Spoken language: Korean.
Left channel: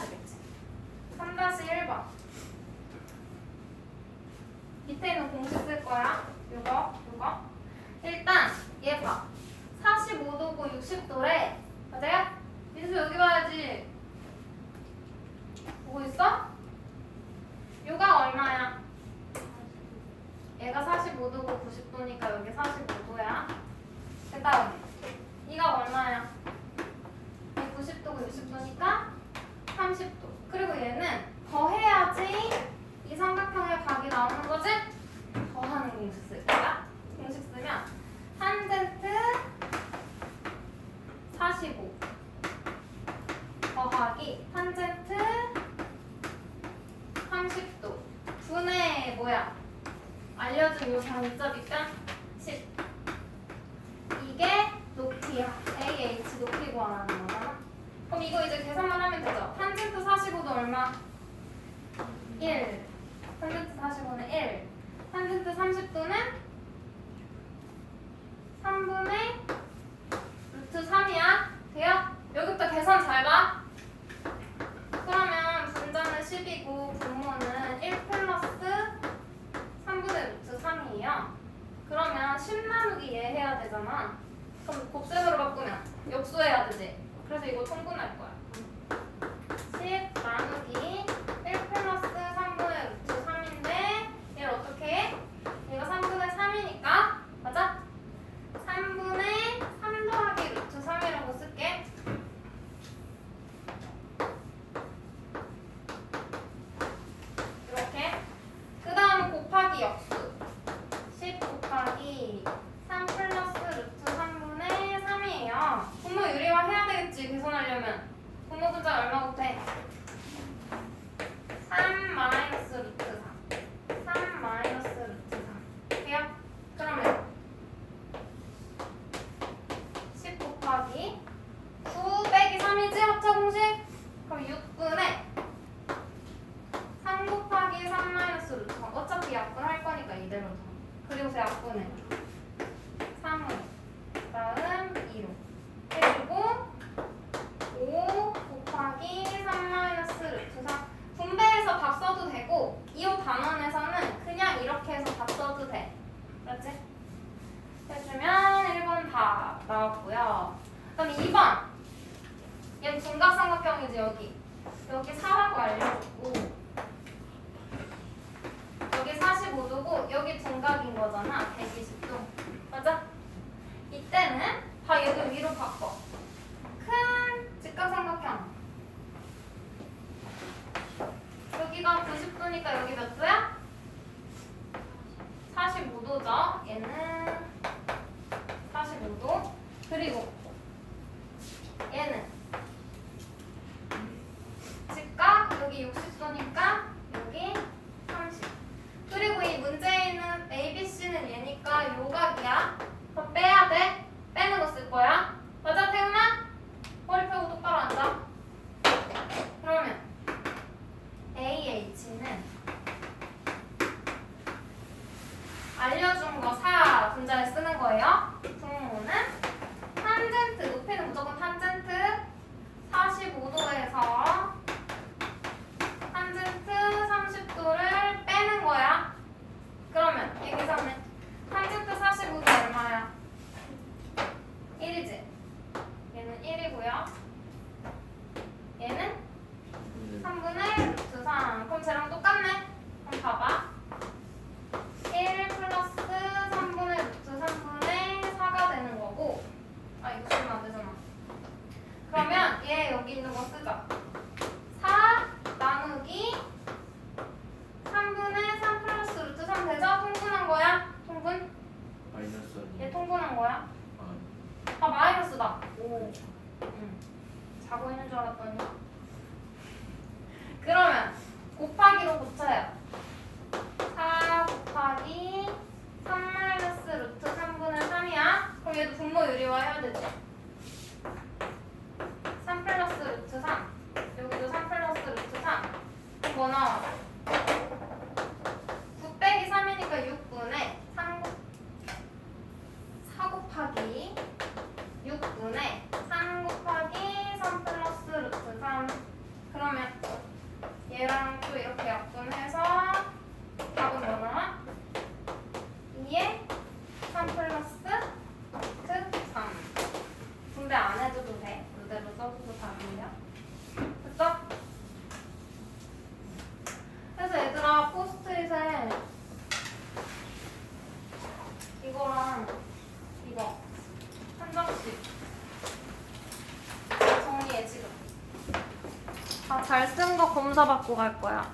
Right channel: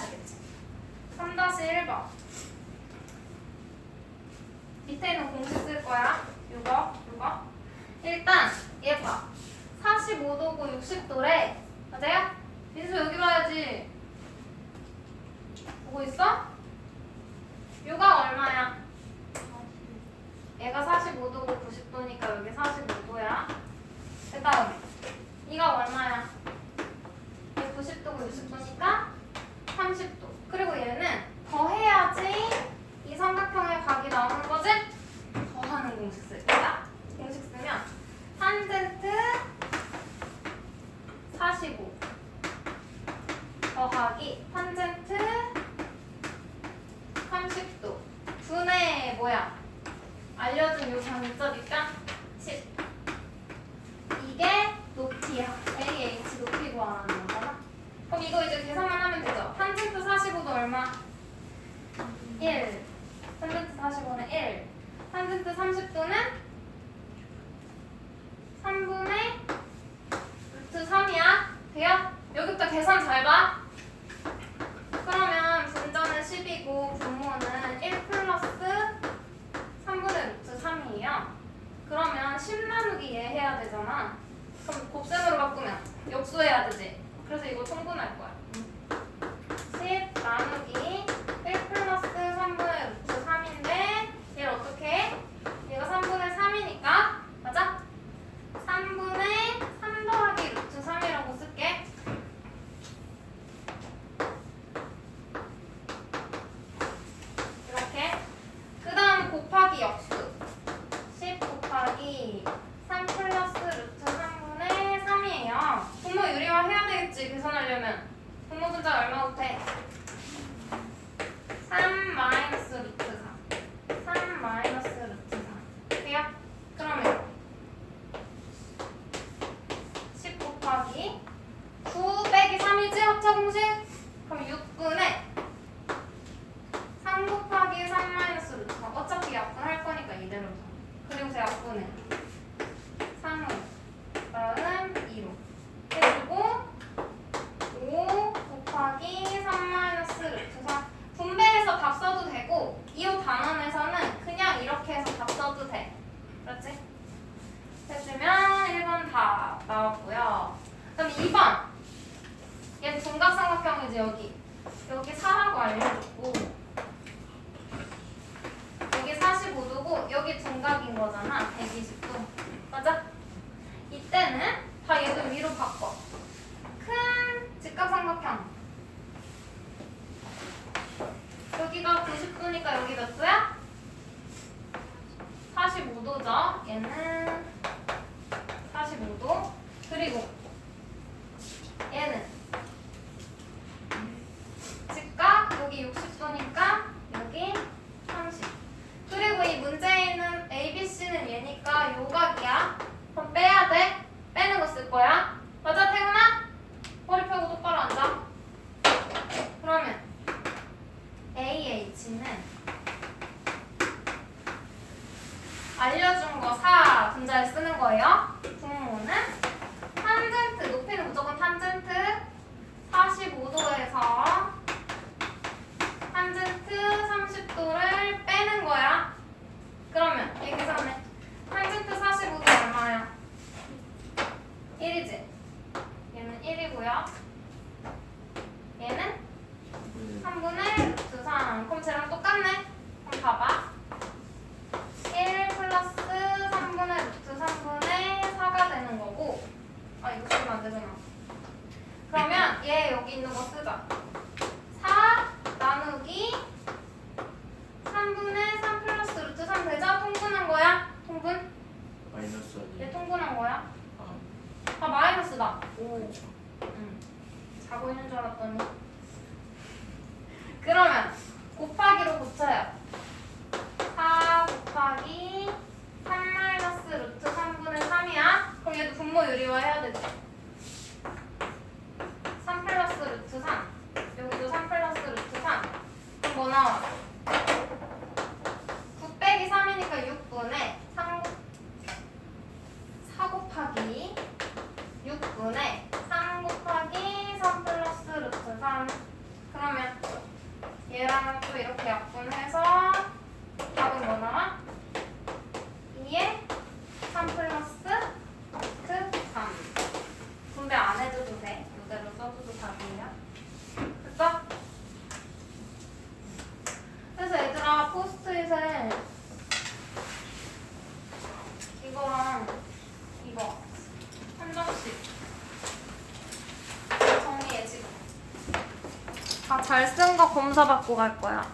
되겠지. 3-1번. 밑에 있는 공식 쓸 거야. 요거, 요거. 일단 얘 봐. 45도고 60도래. 맞아요? 민수 여기 봐야지. 보고 있어? 요가 얼마야? 얘가 45도고 90도니까 여기 45도야. 그 다음에 이가 얼마야? 얘 90도고 60도니까 30도. 그리고 얘는 더해야지 이 삼각형의 각이 나오는 거지? 더하는 공식 쓸 거야. 공식 쓰면 탄젠트 45 더하기 탄젠트 30도. 분의 뭐야? 알려준 요 방점이니까 10 이게 높이야. AH 높이 구하는 거잖아 그럼 이거 이제 계산만 하면 되죠? 탄젠트 45도 얼마? 1 탄젠트 45는 1 탄젠트 30도는 3분의 루트 3이야 돼요? 봐. 그러면 분자는 10이고 분모는 1 플러스 3분의 루트 3이에요. 그러면 10 나누기 얘 해야 되잖아. 그럼 곱셈으로 바꾸면 역수해야 되지. 그래서 이거 통분할 거야. 10 나누기 1 플러스 3분의 루트 3인데 얘를 어떻게 해? 얘가 3분의 3이니까 맞아? 3분의 3 더하기 루트 3이라고 쓸게. 이렇게. 그 다음 곱하기 역수. 10 곱하기 3 플러스 루트 3분의 3이에요. 분모 유리화 해야 되겠지, 계산하려면. 분모 분자 얼마 못해? 3 마이너스 루트 3. 3 마이너스 루트 3. 돼요? 그러면 10 곱하기 9 빼기 3이지 합차 공식? 그럼 6분의 3 곱하기 3 마이너스 루트 3 어차피 약분할 거니까 이대로 더 그리고 제 약분은 3은 다음 2로 해주고 5 곱하기 3 마이너스 루트 3 분배해서 답 써도 되고 이호 단원에서는 그냥 이렇게 해서 답 써도 돼 그렇지? 해주면 1번 다 나왔고요. 그다음 2번. 얘도 중각삼각형이지 여기. 여기 4라고 알려줬고 여기 45도고 여기 중각인 거잖아. 120도. 맞아? 이때는 다 얘도 위로 바꿔. 큰 직각삼각형. 여기가 90도니까 여기 몇 도야? 45도죠. 얘는 45도. 그리고 얘는 즉각 여기 60도니까 여기 30. 그리고 이 문제에 있는 ABC는 얘니까 요각이야. 그럼 빼야 돼. 빼는 거 쓸 거야. 맞아, 태근아? 머리 펴고 똑바로 앉아. 그러면 AH는 알려준 거 4 쓰는 거예요. 분모는 탄젠트 높이는 무조건 탄젠트 45도에서 탄젠트 30도를 빼는 거야. 그러면 이 계산은 탄젠트 45도 얼마야? 1이지. 얘는 1이고요. 얘는 3분의 루트 3. 그럼 쟤랑 똑같네. 그럼 봐봐. 1 플러스 3분의 루트 3분의 4가 되는 거고 아 이거 쓰면 안 되잖아 그러면 얘 여기 있는 거 쓰자 4 나누기 3분의 3 플러스 루트 3 되죠? 통분한 거야? 통분? 마이너스 얘 통분한 거야? 아, 아 마이너스다 오 그렇죠. 응. 자고 있는 줄 알았더니 그러면 곱하기로 고쳐요 4 곱하기 3 마이너스 루트 3분의 3이야 그럼 얘도 분모 유리화 해야 되지 3 플러스 루트 3 여기도 3 플러스 루트 3 그럼 뭐 나와? 9 빼기 3이니까 6분의 3 4 곱하기 6분의 3 곱하기 3 플러스 루트 3 그러면 또 이렇게 약분해서 답은 뭐 나와? 2에 3 플러스 트 3. 분배 안 해줘도 돼. 이대로 써줘도 답이에요. 됐어? 그래서 얘들아 포스트잇에 이거랑 이거 한 장씩 정리해 지금 다 잘 쓴 거 검사 받고 갈 거야